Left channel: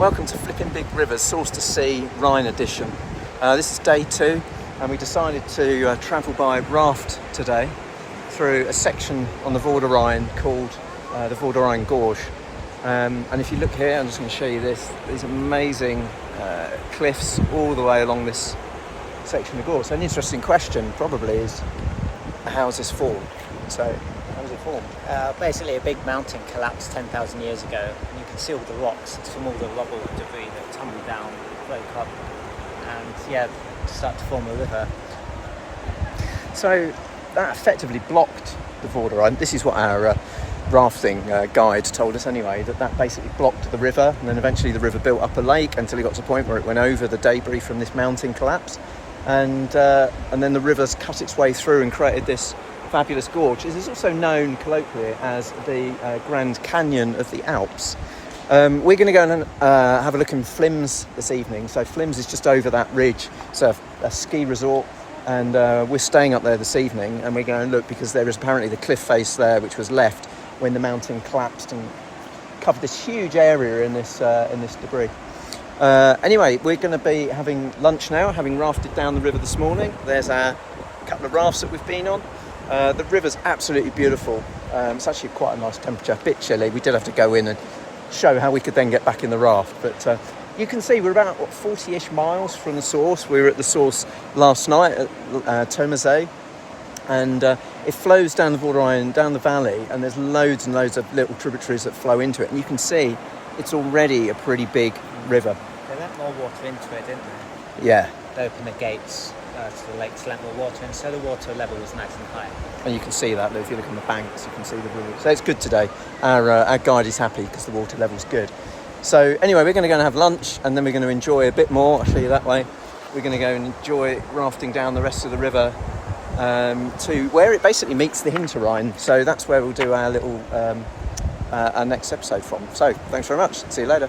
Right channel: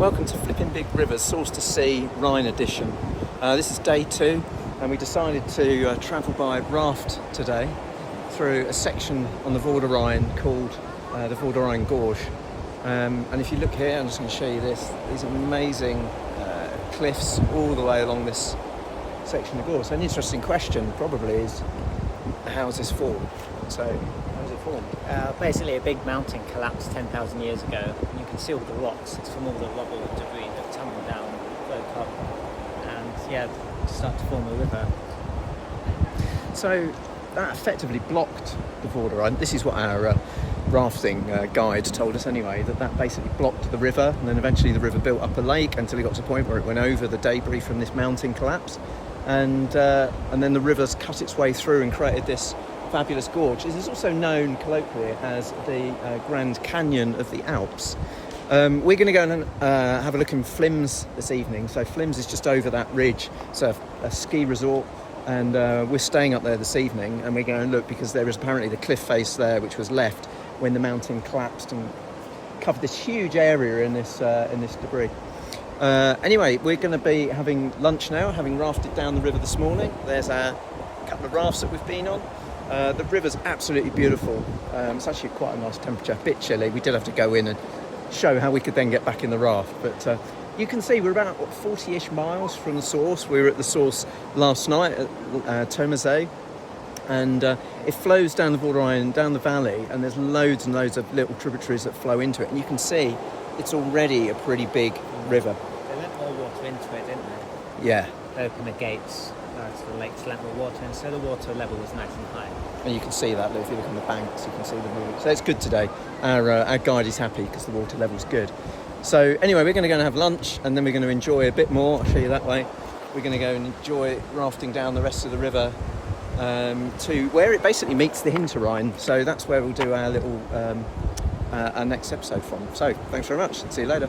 Welcome to Flipping Big Rivers, Source to Sea, Rhine edition. This is day 2 and we decided to travel by raft today through a section on the Vorderrhein called the Vorderrhein Gorge. And if you look here, I'm just going to show you these amazing cliffs all the way along this section of the gorge. So an interesting question probably is, how is this formed? So how was it formed? Basically a big mountain collapsed 10,000 years ago, and you can see all the rocks. It's from all the rubble and debris that tumbled down, broke up, and to start to form a river. So that effectively blocked the Vorderrhein. This is what our rafting guide told us anyway, that basically blocked the river, and then eventually the river built up a lake until it got to the point where it went over the debris from this mountain collapse, and then the river's cut its way through and created this fabulous gorge. This is also known colloquially as the Grand Canyon of the Alps. We're going to go and have a look in Flims this evening. So Flims is just over that ridge. It's a ski resort, and we're staying up there this evening, and we're going to look because there is apparently the cliff face there which was left when the mountain collapsed and covered this huge area in this debris. Anyway, we're going to be having lunch now, having rafted down the river this morning. There's a couple of rafts that we've been on. The river's absolutely beautiful. It's actually quite a nice temperature, a bit chilly. We did have to go in and show how we could then get back in the raft. But you can see we're about 40-ish miles from the source. We were at the source last night at Tomazet. And it flows down the Vorderrhein, down the valley, and there's loads and loads of little tributaries that flow into it. And you can see it's already a pretty big river. They let more water into it, didn't they? Yeah. They opened the gates to the lake to let more water in, so the water level was nice and high. And you can see that, if you look on the banks, you can see the river. So it's good today. Our guide is happy because the water level's good. So anyway, we're going to go and have lunch, and then we're going to enjoy a bit more. I'll show you that way. We're going to go and enjoy rafting down the rest of the river to where it basically meets the Hinterrhein. So that's where we'll do our little our next episode from. So thanks very much. See you later.